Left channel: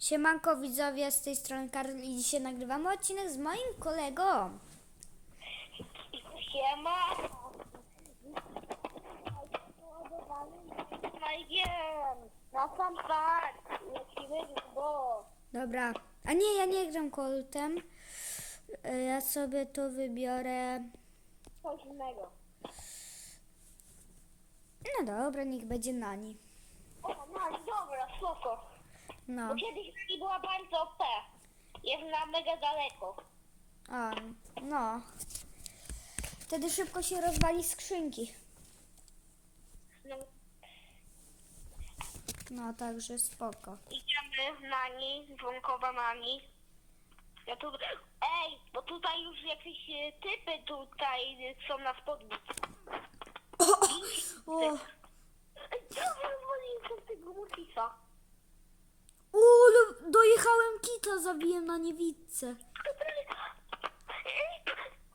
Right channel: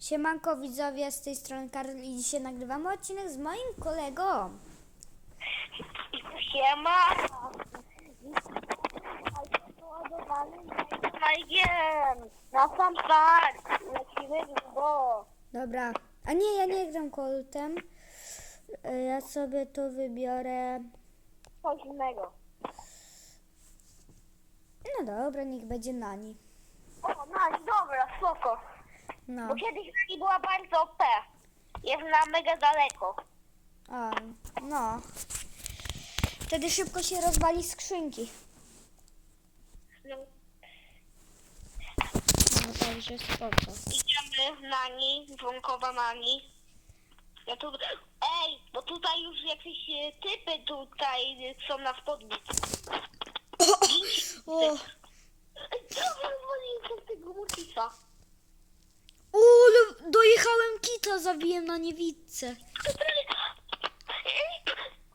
Siemanko widzowie, z tej strony Karol i dzisiaj nagrywamy odcinek z moim kolegą. Siema. Majgiem. Na sam start. Lecimy do. Dobra, a nie, ja nie gram Coltem. E, Ja sobie tu wybiorę... Coś innego. No dobra, niech będzie Nani. O, no dobra, spoko. No, Bo kiedyś Nani była bardzo OP. Jest na mega daleko. a, no. Wtedy szybko się rozwali skrzynki. No, No, także spoko. idziemy Nani, dzwonkowa Nani. Ja tu... Ej, bo tutaj już jakieś e, typy tutaj e, są na spodni. O, rozwaliłem się z tego mutisa. O, ale dojechałem kita, zabiłem na niewidce.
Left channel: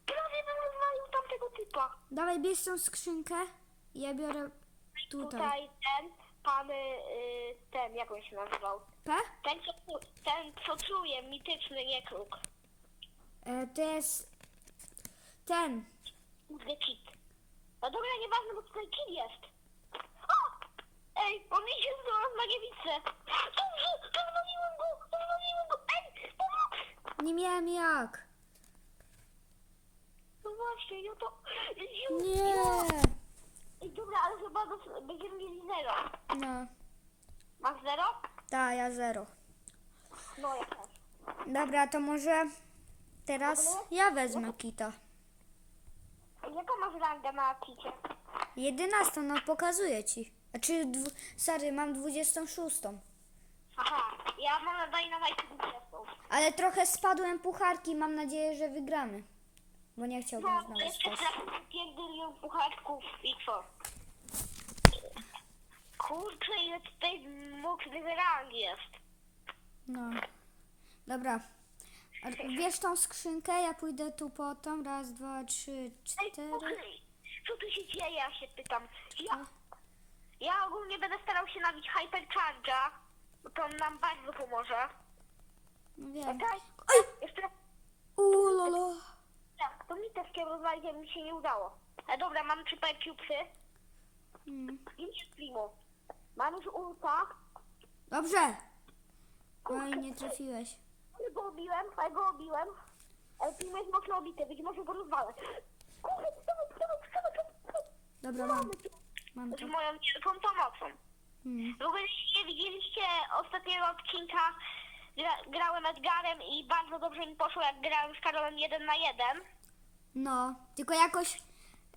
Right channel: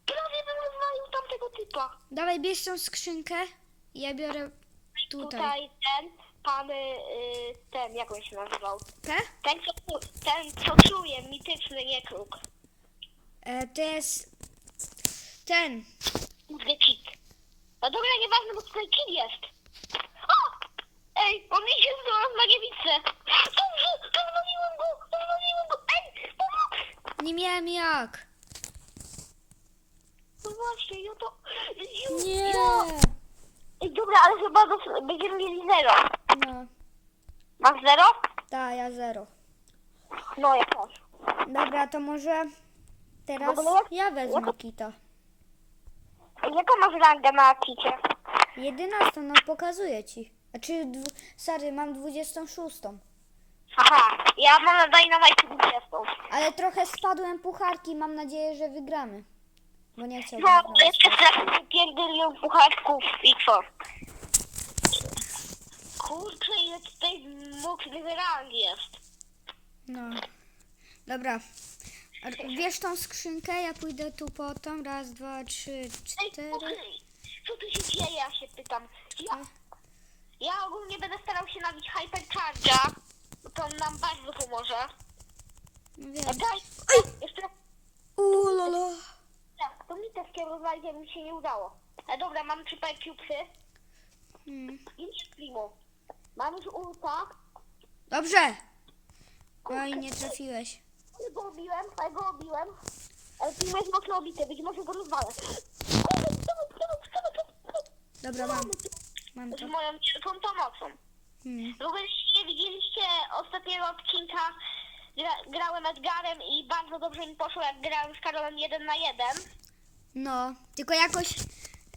Prawie bym rozwalił tamtego typa. Dawaj, bierz tą skrzynkę. Ja biorę tutaj. Tutaj ten, pan, y, ten, jak on się nazywał? P? Ten, co, ten, co czuje, mityczny niekruk. E, to jest ten. Kurde, kit. No dobra, nieważne, bo tutaj kit jest. Ej, on idzie z nas na niewicę. Dobrze, rozwaliłem go, rozwaliłem go. Ej, pomoc! Nie miałem jak. No właśnie, ja to... Nie. Ja. Ej, dobra, ale chyba dos- będziemy mieli zero. No, Masz zero? tak, ja zero. No, ja też. Dobra, to może teraz ja wezmę kita. Jaką masz rangę na kicie? 11, no pokazuję ci. Znaczy, dwu, sorry, mam 26. Aha, ja mam na Dynamite 20. Ale trochę spadłem pucharki, mam nadzieję, że wygramy. Bo nie chciałbym No, znowu jeszcze spać. trafię pierdylion pucharków i co? Kurczę, ile tutaj mocnych rang jest. No. Dobra. R- Wiesz tą skrzynkę? Ja pójdę tu po tą. Raz, dwa, trzy, Ej, cztery. okej, co tu się dzieje, ja się pytam. Ja, ja ogólnie będę starał się nabić Hypercharge'a, bo to nam bardzo pomoże. Wiem. Ej! jeszcze Uuu, lolo. tak, to mi też kierowali, a mi się nie udało. Ale dobra, mam trzy cubesy Hmm. i primo. Mam już ulta, Dobrze. No i nie trafiłeś. ale go obiłem, ale go obiłem. Ale primo jest mocno obity, być może go rozwalę. Dobra, mam. Mam Z to. moją wielką pomocą. Hmm. W ogóle nie widzieliście ostatniego odcinka, gra, grałem Edgarem i bardzo dobrze mi poszło, jak grałem z Karolem 1 na 1. No, tylko jakoś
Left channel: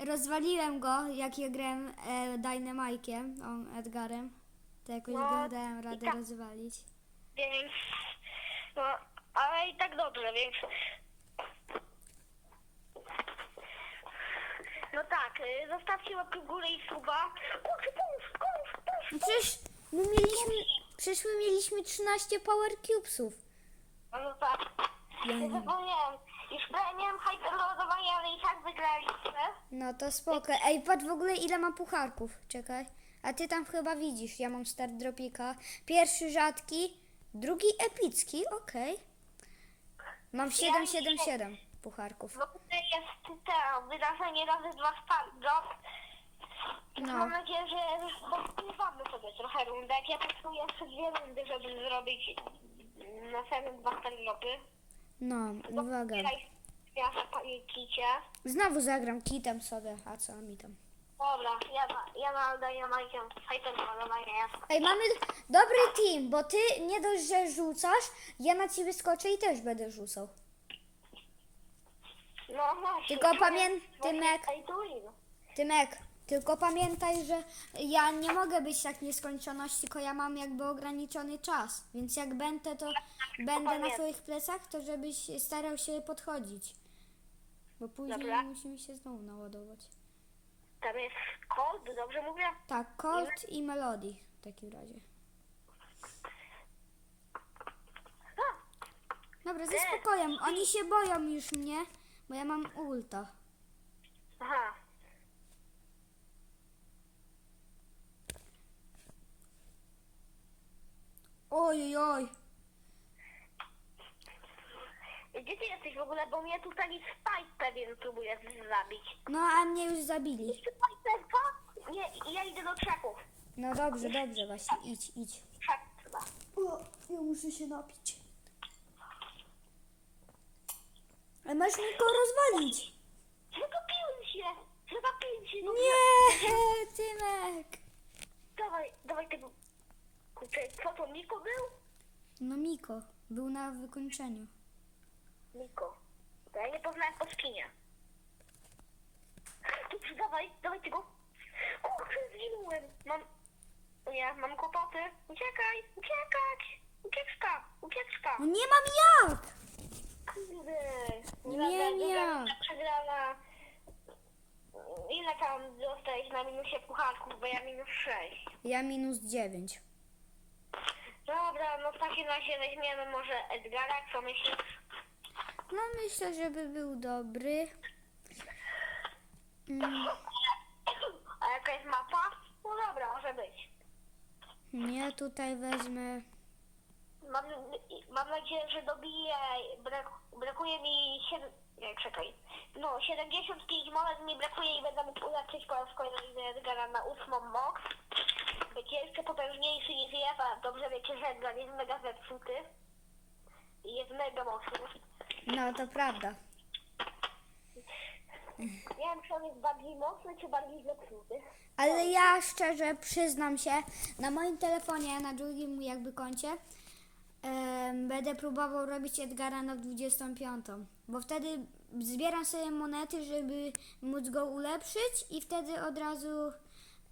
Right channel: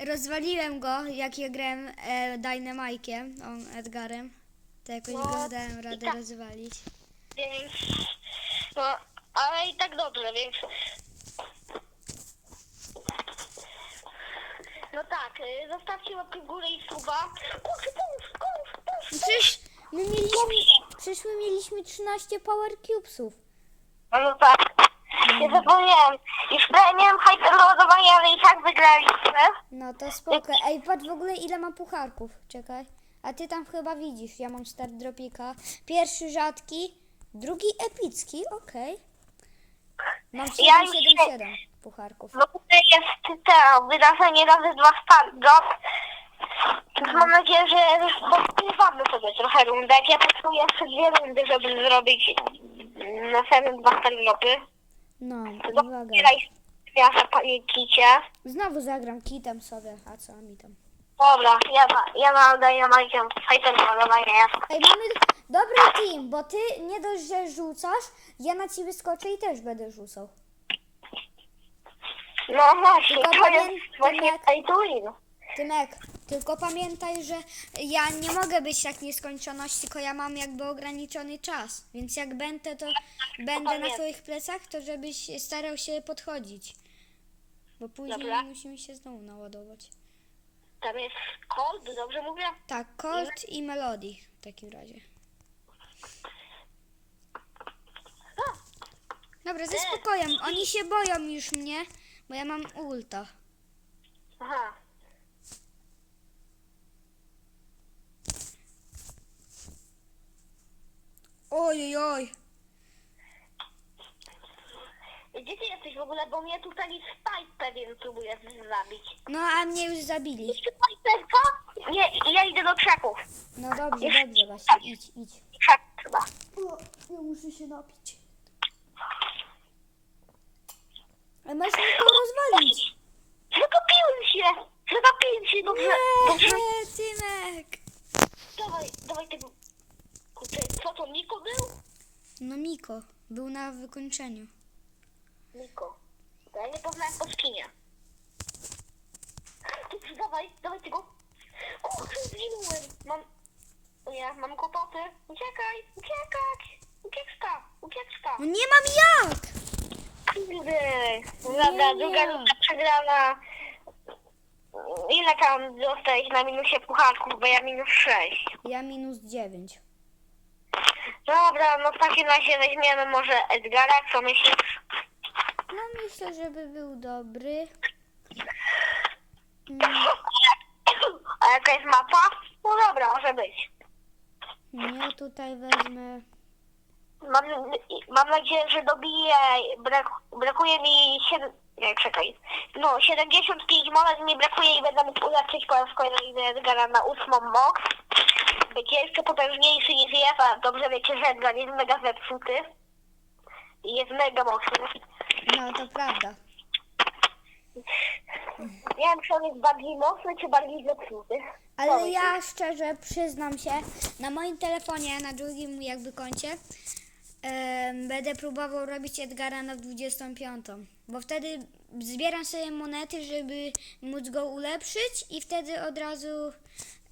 rozwaliłem go, jak ja grałem e, Dynamike'iem, on Edgarem. To jakoś No, go dałem i radę tak. rozwalić. Więc, no, ale i tak dobrze, więc... No tak, y, zostawcie łapkę w górę i suba. Kurczę, pomóż, pomóż, pomóż. Przecież my mieliśmy, przecież my mieliśmy 13 Power Cubesów. No, no tak, nie zapomniałem. Już prawie miałem hyperloadowanie, ale i tak wygraliśmy. No to spoko. Ej, patrz w ogóle ile ma pucharków. Czekaj. A ty tam chyba widzisz, ja mam start dropika. Pierwszy rzadki, drugi epicki, okej. Mam Ja już 777 pucharków. W ogóle jest to wydarzenie razy dwa start drop. Więc mam nadzieję, że podpływamy sobie trochę rundę. Jak ja potrzebuję jeszcze dwie rundy, żeby zrobić następne dwa start dropy. No, uwaga. zbieraj miasta panikicie. Znowu zagram kitem sobie, a co mi tam. Dobra, ja, ja na oddaję Majkiem hyperloadowanie. Ej, mamy dobry team, bo ty nie dość, że rzucasz, ja na ciebie skoczę i też będę rzucał. No właśnie, Tylko to jest właśnie win. Tymek, tylko pamiętaj, że ja nie mogę być tak w nieskończoność, tylko ja mam jakby ograniczony czas. Więc jak będę, to będę na pamiętam. twoich plecach, to żebyś starał się podchodzić. Bo później Dobra. musimy się znowu naładować. Tam jest cold, dobrze mówię? Tak, Colt i Melody w takim razie. Dobra, ze spokojem. Oni się boją już mnie, bo ja mam ulta. Aha. Oj, oj, oj. Gdzie ty jesteś w ogóle, bo mnie tutaj Spike pewien próbuje zabić. No, a mnie już zabili. Spike'ka? Nie, ja idę do krzaków. No dobrze, dobrze właśnie, idź, idź. Krzak chyba. O, ja muszę się napić. Ale masz mi to rozwalić. Zagapiłem się! Zagapiłem się, dobrze. dobrze. Nie, Tymek. Dawaj, dawaj tego. Kurczę, co to, Niko był? No Miko, był na wykończeniu. Niko. Ja nie poznałem po skinie. Dobrze, dawaj, dawaj tego. Kurczę, zginąłem. Mam... O nie, mam kłopoty. Uciekaj, uciekać. Ucieczka, ucieczka. No nie mam jak! Kurde. Dobra, druga runda przegrana. Ile tam zostałeś na minusie pucharków, bo ja minus 6. Ja minus 9. Dobra, no w takim razie weźmiemy może Edgara, co myślisz? No myślę, żeby był dobry. Mm, A jaka jest mapa? No dobra, może być. Ja tutaj wezmę. Mam, mam nadzieję, że dobiję. Brak, brakuje mi 7. Nie, czekaj. No, 75 monet mi brakuje i będę mógł ulepszyć po raz kolejny Edgara na ósmą moc. Będzie jeszcze potężniejszy niż jest, a dobrze wiecie, że Edgar jest mega zepsuty. I jest mega mocny. No to prawda. Nie wiem, czy on jest bardziej mocny, czy bardziej zepsuty. Ale ja szczerze przyznam się, na moim telefonie, na drugim jakby koncie, em, będę próbował robić Edgara na 25. Bo wtedy zbieram sobie monety, żeby móc go ulepszyć i wtedy od razu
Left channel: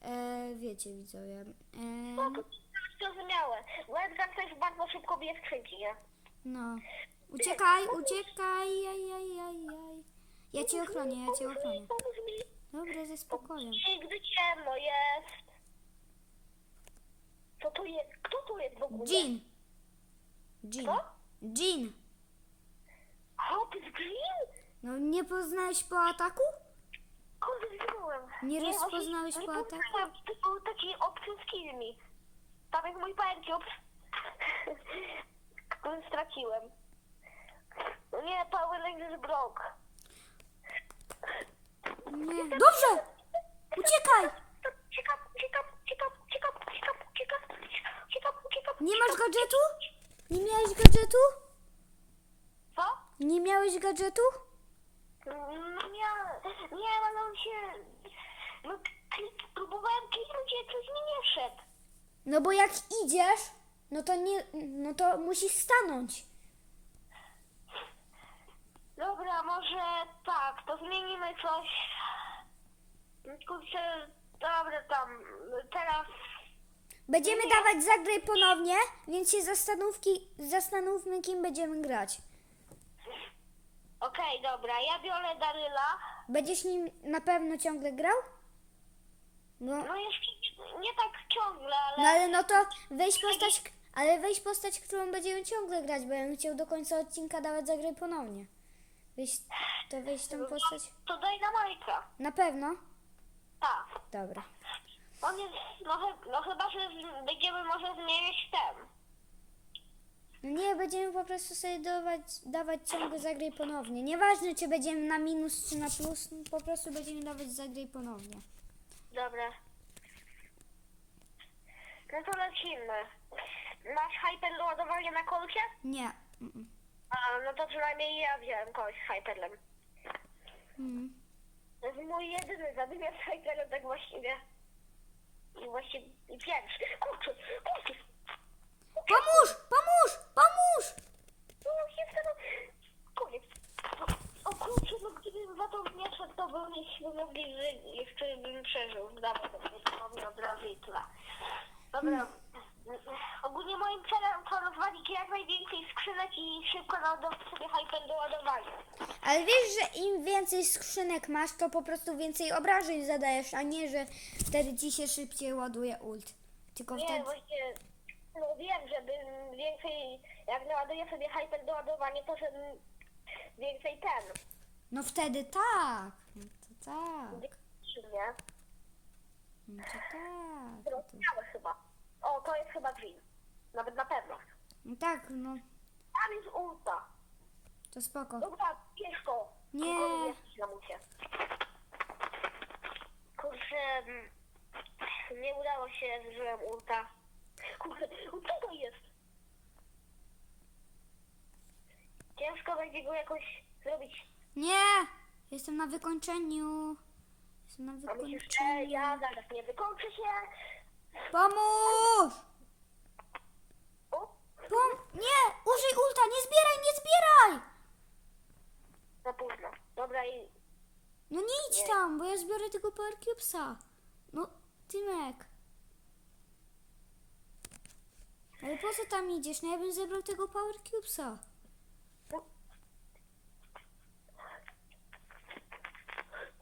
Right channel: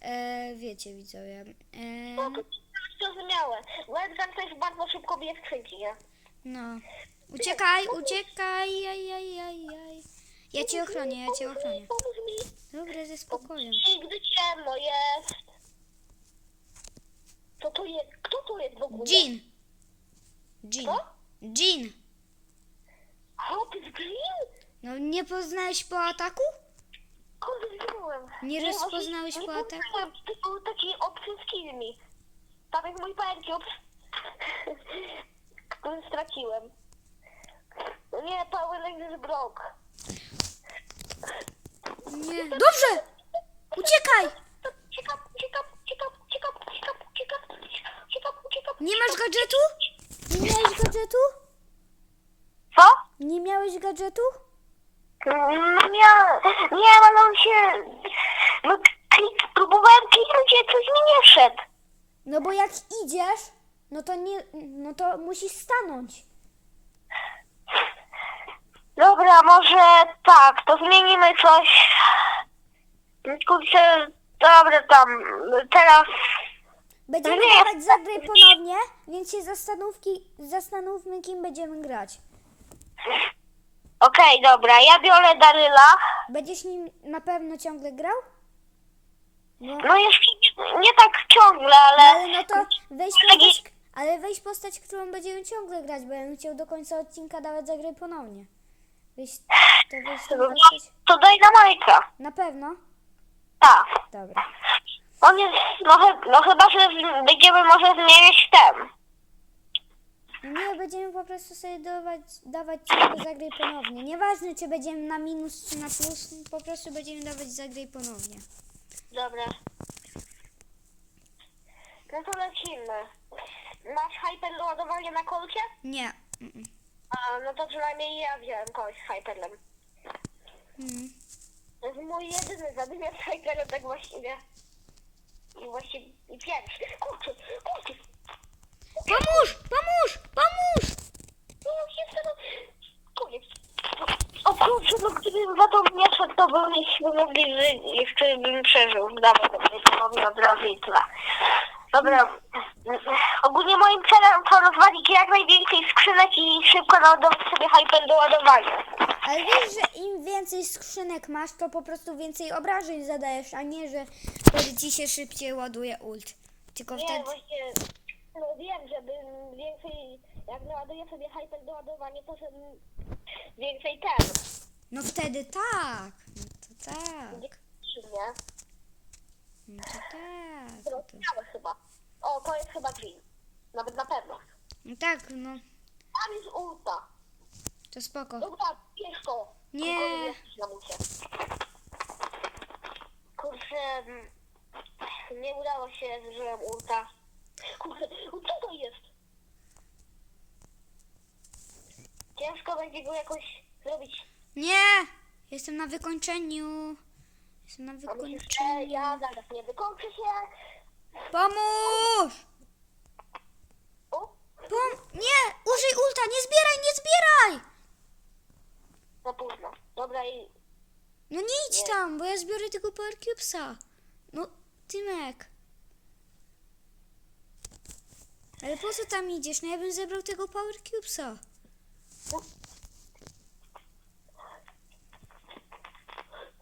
e, wiecie widzowie. No E, to zrozumiałe. Bo Edgar też bardzo szybko bije skrzynki, nie? no. Uciekaj, uciekaj, jaj, jaj, jaj, jaj. Ja cię ochronię, ja cię ochronię. Pomóż mi. Dobra, ze spokojem. Nigdy ciemno jest. Co to jest? Kto to jest w ogóle? Jean. Jean. Co? Jean. Z Green? No nie poznałeś po ataku? Kurde, zginąłem. Nie rozpoznałeś po ataku? To był taki option z mi. Tam jest mój pękiut, który straciłem. No nie, Power Rangers Block. Nie. Dobrze! Uciekaj! Uciekam, uciekam, uciekam, uciekam, uciekam, uciekam, uciekam, uciekam. Nie masz gadżetu? Nie miałeś gadżetu? Co? Nie miałeś gadżetu? No nie, nie, ale on się... No, klik, próbowałem kliknąć, ale coś mi nie szedł. No bo jak idziesz, no to nie, no to musisz stanąć. Dobra, może tak, to zmienimy coś. Kurczę, dobra tam, teraz... Będziemy No dawać zagraj ponownie, więc się zastanówki, zastanówmy kim będziemy grać. Okej, dobra, ja biorę Daryla. Będziesz nim na pewno ciągle grał? No, No jeszcze nie, nie tak ciągle, no ale... ale no to weź postać, ale weź postać, którą będziemy ciągle grać, bo ja bym chciał do końca odcinka dawać zagraj ponownie. Weź, to weź tą postać. To daj na Majka. Na pewno? Tak. Dobra. On jest, no, no chyba, że z- będziemy może zmieniać ten. Nie, będziemy po prostu sobie dawać, dawać ciągle zagraj ponownie. Nieważne, czy będziemy na minus, czy na plus, po prostu będziemy dawać zagraj ponownie. Dobra. No to lecimy. Masz hyper ładowanie na kolcie? Nie. Mm, A, no to przynajmniej ja wziąłem kogoś z hyperem. mm. To jest mój jedyny zadymiar z hyperem, tak właściwie. I pierwszy. Kurczę, kurczę. Pomóż! Pomóż! Pomóż! No się wtedy... Koniec. O kurczę, no gdybym za to nie szedł, to byśmy mogli żyć. Jeszcze bym przeżył. Dawaj, ponownie od razu i tyle. Dobra. Ogólnie moim celem to rozwalić jak najwięcej skrzynek i szybko naładować sobie hyper do ładowania. Ale wiesz, że im więcej skrzynek masz, to po prostu więcej obrażeń zadajesz, a nie, że wtedy ci się szybciej ładuje ult. Tylko Nie, wtedy... właśnie, no wiem, żebym więcej, jak naładuję sobie hyper do ładowania, to żebym więcej ten, No wtedy tak. No to tak. nie? No to tak. No, to... Zrozumiałe chyba. O, to jest chyba green. Nawet na pewno. no tak, no. Tam jest ulta. To spoko. Dobra, to. Nie. Jest musie. Kurczę, mm, nie udało się, zużyłem ulta. Kurczę, co to jest? Ciężko będzie go jakoś zrobić. Nie! Jestem na wykończeniu. Jestem na A myślisz, że wykończeniu. ja zaraz nie wykończę się? Pomóż! O, Pom... Nie! Użyj ulta! Nie zbieraj, nie zbieraj! Za późno. Dobra i No nie idź Nie. tam, bo ja zbiorę tego Power Cubesa. No, Tymek. Ale po co tam idziesz? No ja bym zebrał tego Power Cubesa.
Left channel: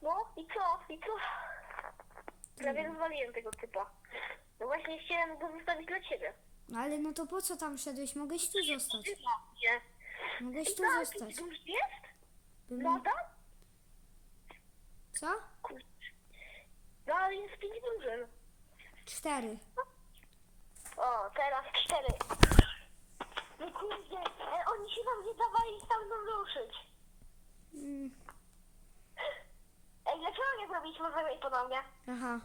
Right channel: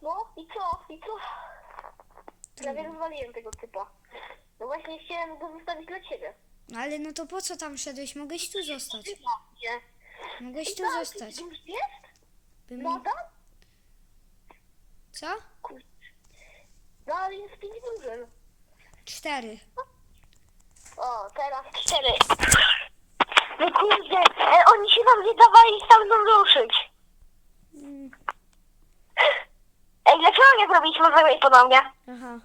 No i co? I co? Prawie rozwaliłem tego typa. No właśnie chciałem go zostawić dla ciebie. No ale no to po co tam szedłeś? Mogłeś tu zostać. Nie. Mogłeś tu Tak, zostać. Już jest? Bym... Moda? Co? No ale jest pięć drużyn. Cztery. O, teraz cztery. No kurde, e, oni się nam nie dawali tam mną ruszyć. Mm, Ej, dlaczego nie zrobiliśmy zagrać ponownie? aha.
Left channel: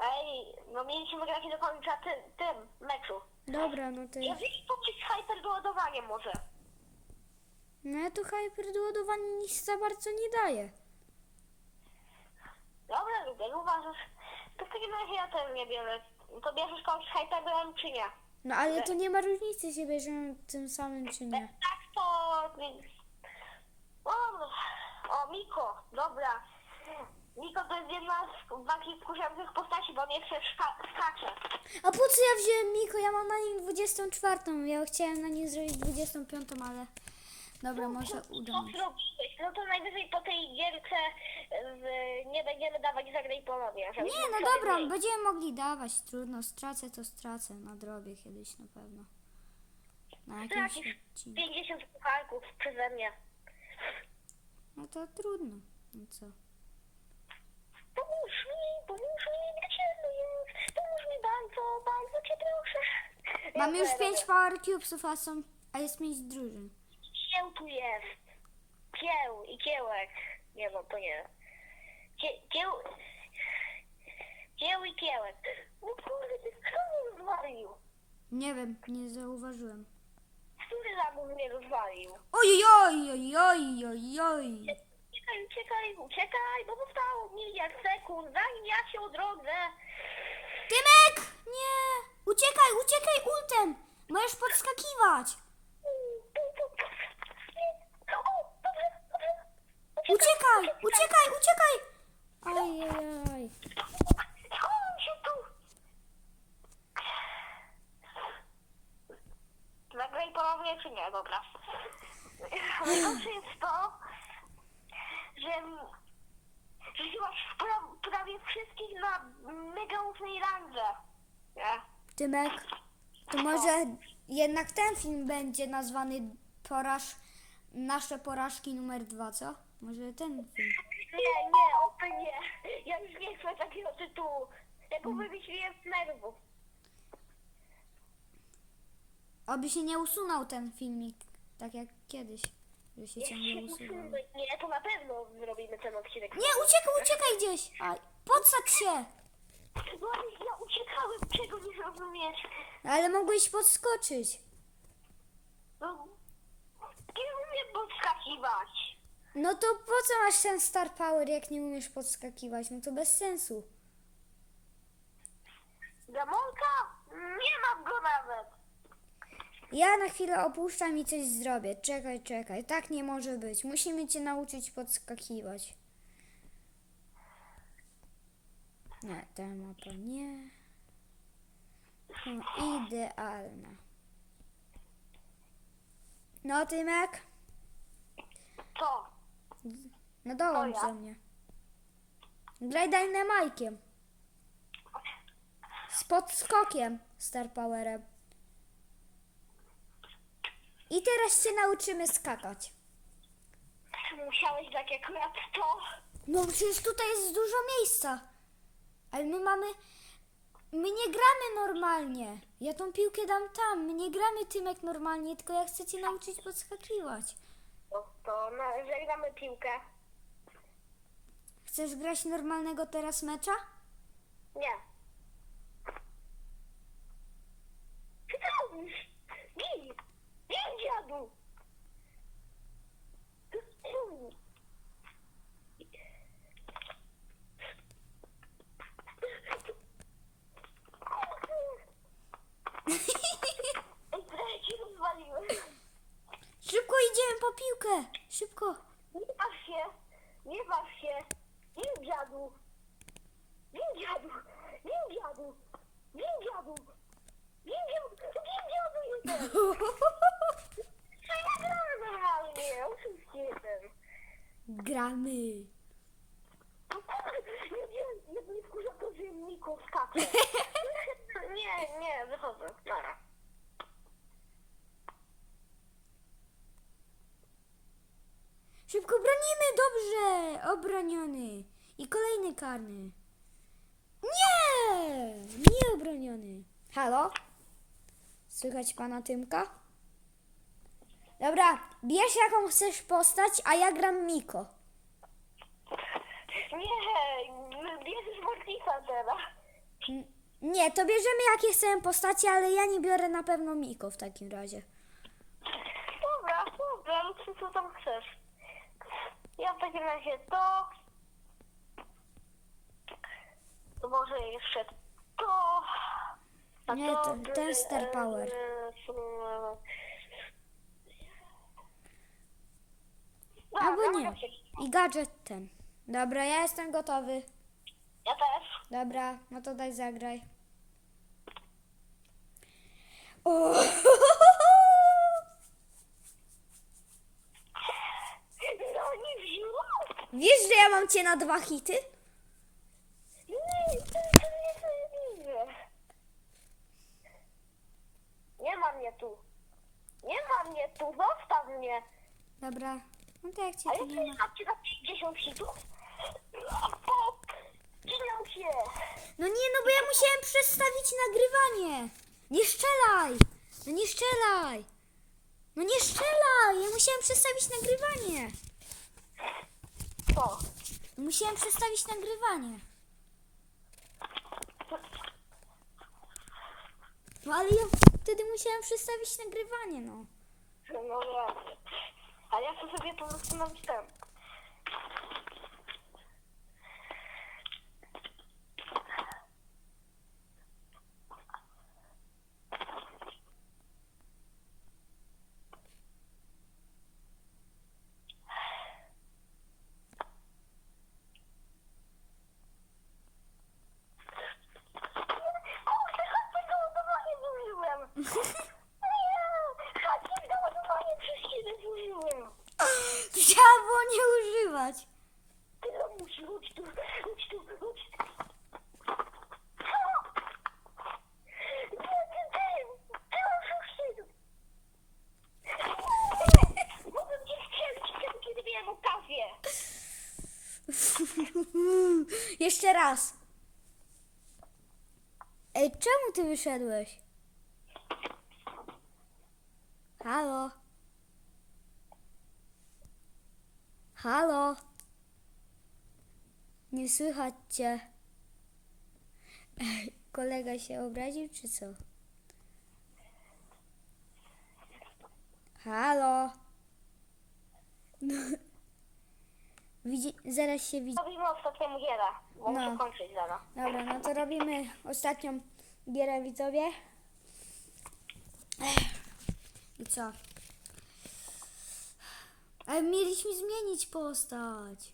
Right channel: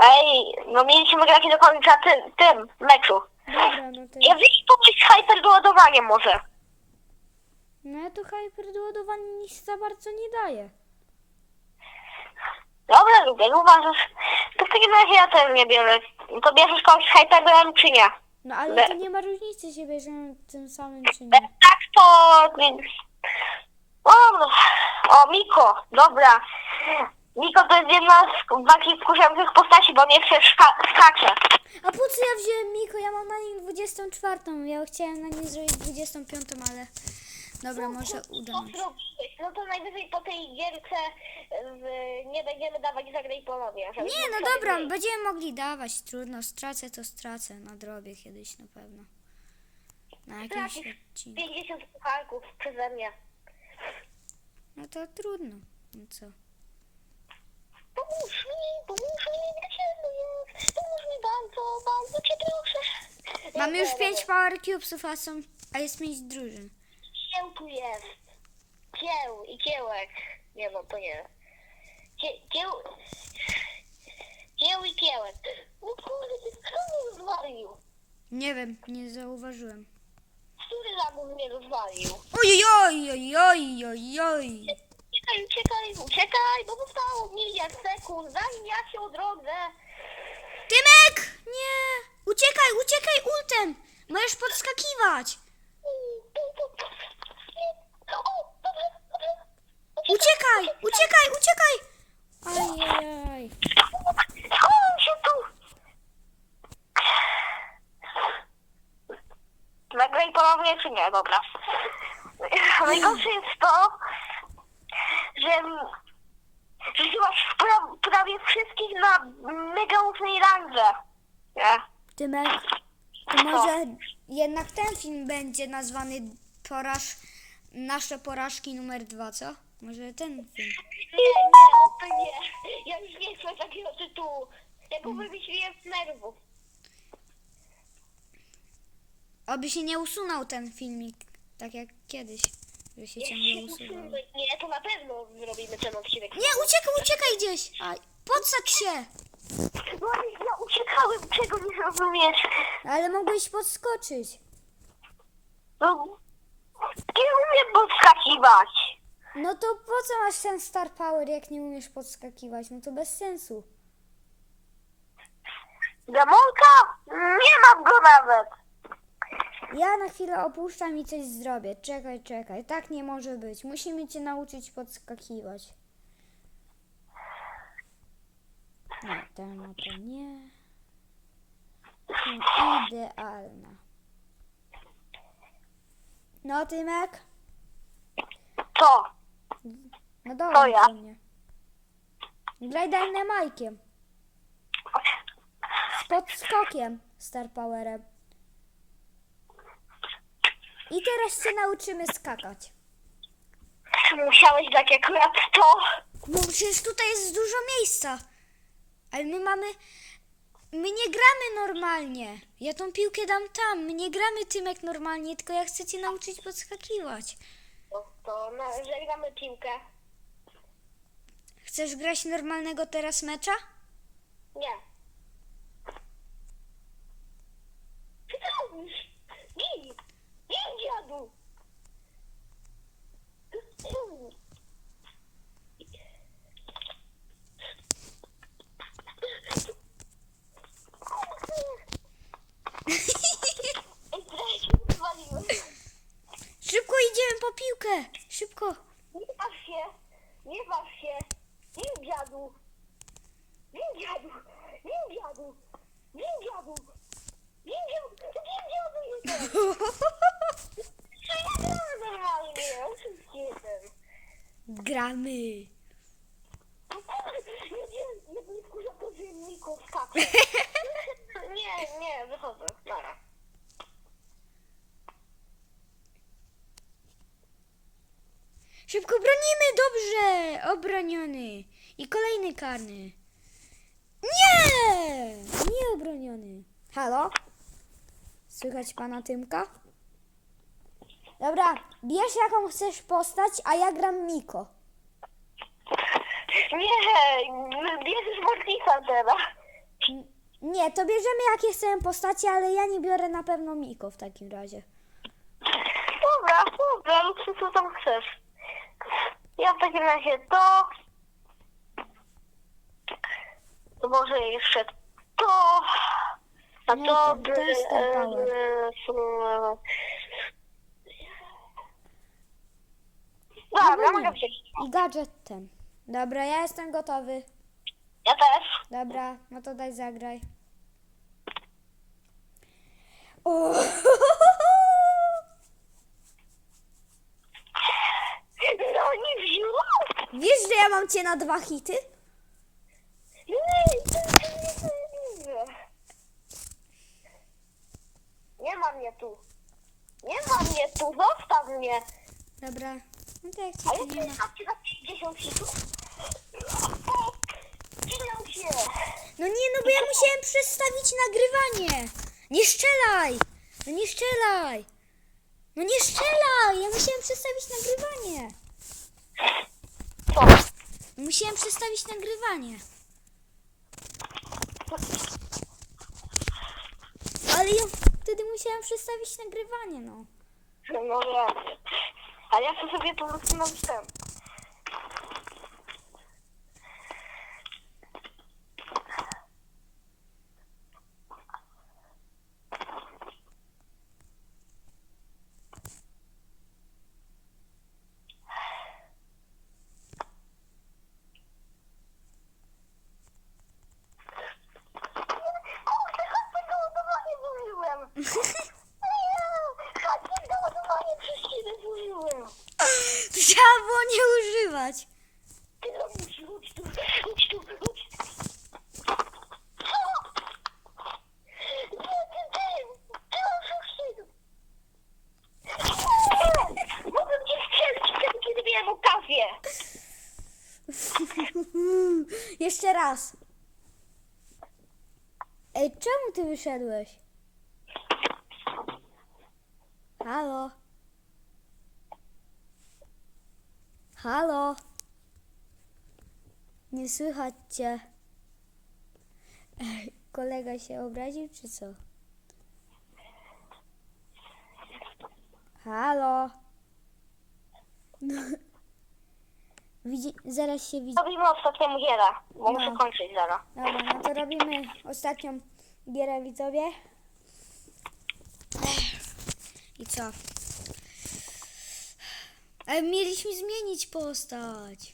Ej, no mieliśmy grać do końca tym, tym meczu. Dobra, no to... Ja wiesz pomysł z hyper doładowaniem może. No ja tu hyperdoładowanie nic za bardzo nie daje. Dobra, lubię, uważasz. To w takim razie ja też nie biorę. To bierzesz kogoś z hyperem czy nie? No ale Le- to nie ma różnicy, się bierzemy tym samym czy E, nie. Tak to... O, no. o, Miko, dobra. Miko to jest jedna z bardziej wkurzających postaci, bo nie chce szka- skacze. A po co ja wziąłem Miko? Ja mam na nim 24. Ja chciałem na nim zrobić 25, ale... Dobra, może uda mi się. No to najwyżej po tej gierce w, nie będziemy dawać zagraj ponownie. żeby Nie, no sobie dobra, mniej. będziemy mogli dawać. Trudno, stracę to stracę. Nadrobię kiedyś na pewno. Na jakimś Stracisz odcinku. 50 pucharków przeze mnie. No to trudno. No co? Pomóż mi, pomóż mi, dlaczego jest? Pomóż mi bardzo, bardzo cię proszę. Mamy już Dobra, 5 power cubesów, a, są, a jest 5 drużyn. Kieł tu jest. Kieł i kiełek. Nie no, to nie. Kie, kieł... Kieł i kiełek. No kurde, kto mnie rozwalił? Nie wiem, nie zauważyłem. Który lamus mnie rozwalił? Oj, oj, oj, oj, oj, oj. Uciekaj, uciekaj, uciekaj, bo zostało miliard sekund, zanim ja się odrodzę. Tymek! Nie! Uciekaj, uciekaj ultem! Możesz podskakiwać! O, dobrze, dobrze. Uciekaj, uciekaj, uciekaj! Ajajaj. Schowam się tu. Nagraj ponownie czy nie? Dobra. Najgorsze jest to, że rzuciłaś pra, prawie wszystkich na mega ufnej randze. Nie? Tymek, to może jednak ten film będzie nazwany poraż... Nasze porażki numer dwa, co? Może ten film. Nie, nie, o to nie. Ja już nie chcę takiego tytułu. Ja go wymyśliłem z nerwów. Oby się nie usunął ten filmik, tak jak kiedyś, że się ciągle usuwał. Nie, to na pewno zrobimy ten odcinek. Nie, uciekaj, uciekaj gdzieś! Aj, podsadź się! No ale ja uciekałem, czego nie rozumiesz? Ale mogłeś podskoczyć. No, nie umiem podskakiwać. No to po co masz ten Star Power, jak nie umiesz podskakiwać? No to bez sensu. Demonka? Nie mam go nawet. Ja na chwilę opuszczam i coś zrobię. Czekaj, czekaj. Tak nie może być. Musimy cię nauczyć podskakiwać. Nie, ta mapa nie. No, idealna. No, Tymek? Co? No To dołącz ja. do mnie. Graj. Z podskokiem Star Powerem. I teraz się nauczymy skakać. Musiałeś dać akurat to. No przecież tutaj jest dużo miejsca. Ale my mamy My nie gramy normalnie. Ja tą piłkę dam tam. My nie gramy Tymek normalnie, tylko ja chcę cię nauczyć podskakiwać. To no, zagramy piłkę. Chcesz grać normalnego teraz mecza? Nie. Co ty robisz? Dziadu! Szybko idziemy po piłkę. Szybko. Nie baw się! Nie baw się! Nie dziadu! Nie dziadu! Nie dziadu! Nie dziadu! Nie dziadu! Nie dziadu jestem! Oczywiście. Gramy. Nie nie. Nie, nie, wychodzę. Nara. Szybko bronimy, dobrze. Obroniony. I kolejny karny. Nie! Nie obroniony. Halo? Słychać pana Tymka? Dobra, bierz jaką chcesz postać, a ja gram Miko. Nie, bierzesz Mortisa teraz. N- Nie, to bierzemy jakie chcemy postacie, ale ja nie biorę na pewno Miko w takim razie. Dobra, dobra, lub co, co tam chcesz. Ja w takim razie to. To może jeszcze to. A Nie, to, to- jest Star Power. e, Albo Dobra, nie. mogę wziąć. I gadżet ten. Dobra, ja jestem gotowy. Ja też. Dobra, no to daj zagraj. O! No nie wziął. Wiesz, że ja mam cię na dwa hity? Nie, to nie nie Nie ma mnie tu. Nie ma mnie tu, zostaw mnie. Dobra. No to jak cię A tu nie ma. macie na 50 hitów? Śmiał się. No nie, no bo ja musiałem przestawić nagrywanie. Nie strzelaj! No nie strzelaj! No nie strzelaj! Ja musiałem przestawić nagrywanie. Musiałem przestawić nagrywanie. Ale ja wtedy musiałem przestawić nagrywanie, no. No wiem. Ale ja chcę sobie po prostu na. Kurde, chodźcie do ładowania zużyłem. Nie, chodźcie do ładowania przez ciebie zużyłem. To trzeba było nie używać. Mogłem cię strzelić wtedy, kiedy miałem okazję. Jeszcze raz. Ej, czemu ty wyszedłeś? Halo? Halo? Nie słychać cię. Ej, kolega się obraził, czy co? Halo? Widzi, zaraz się widzi. Robimy ostatnią gierę, bo No. muszę kończyć zaraz. Dobra, no to robimy ostatnią gierę widzowie. Ech. I co? Ale mieliśmy zmienić postać.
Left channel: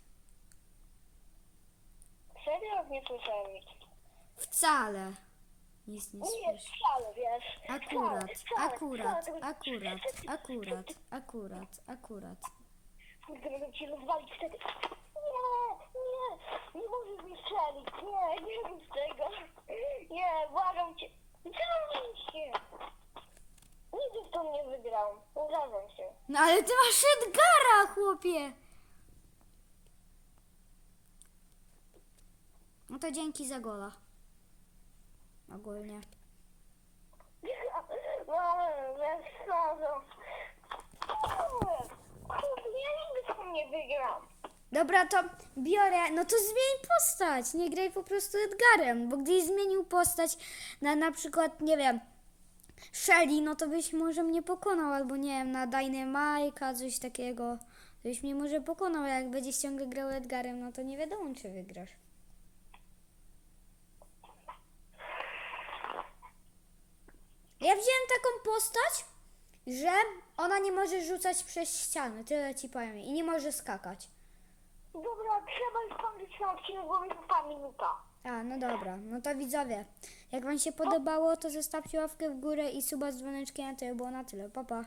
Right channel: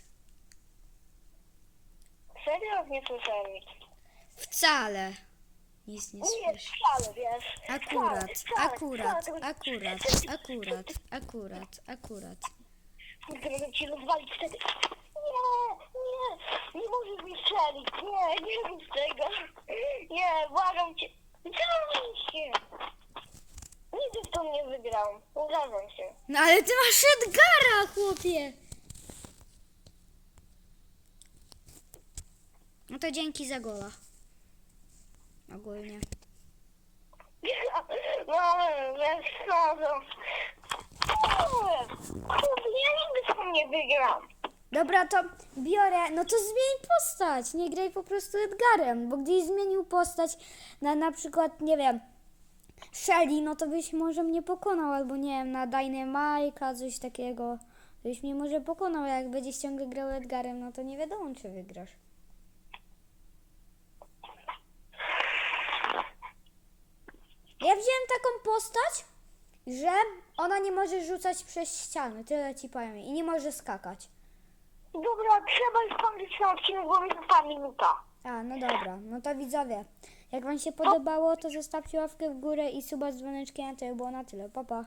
Serio? Nie słyszałem nic. Wcale. Nic nie Nie, słyszę. wcale, wiesz. Akurat, Wcale, wcale, akurat, wcale. akurat, akurat, akurat, akurat. Mogę ci rozwalić wtedy. Nie, nie, nie możesz mi strzelić. Nie, nie rób tego. Nie, błagam cię. Zrób się. Nigdy w to nie wygrał. Uważam się. No ale ty masz Edgara, chłopie. No to dzięki za gola. ogólnie. No, wiesz co, no. Kurde, ja nigdy sam nie wygram. Dobra, to biorę, no to zmień postać, nie graj po prostu Edgarem, bo gdybyś zmienił postać na na przykład, nie wiem, Shelly, no to byś może mnie pokonał, albo nie wiem, na Dynamike'a, coś takiego. Byś mnie może pokonał, jak będziesz ciągle grał Edgarem, no to nie wiadomo, czy wygrasz. Ja wziąłem taką postać, że ona nie może rzucać przez ściany, tyle ci powiem, i nie może skakać. Dobra, trzeba już ten odcinek, bo mi minuta. A, no dobra, no to widzowie, jak wam się podobało, to zostawcie łapkę w górę i suba z dzwoneczkiem, to by było na tyle, pa pa.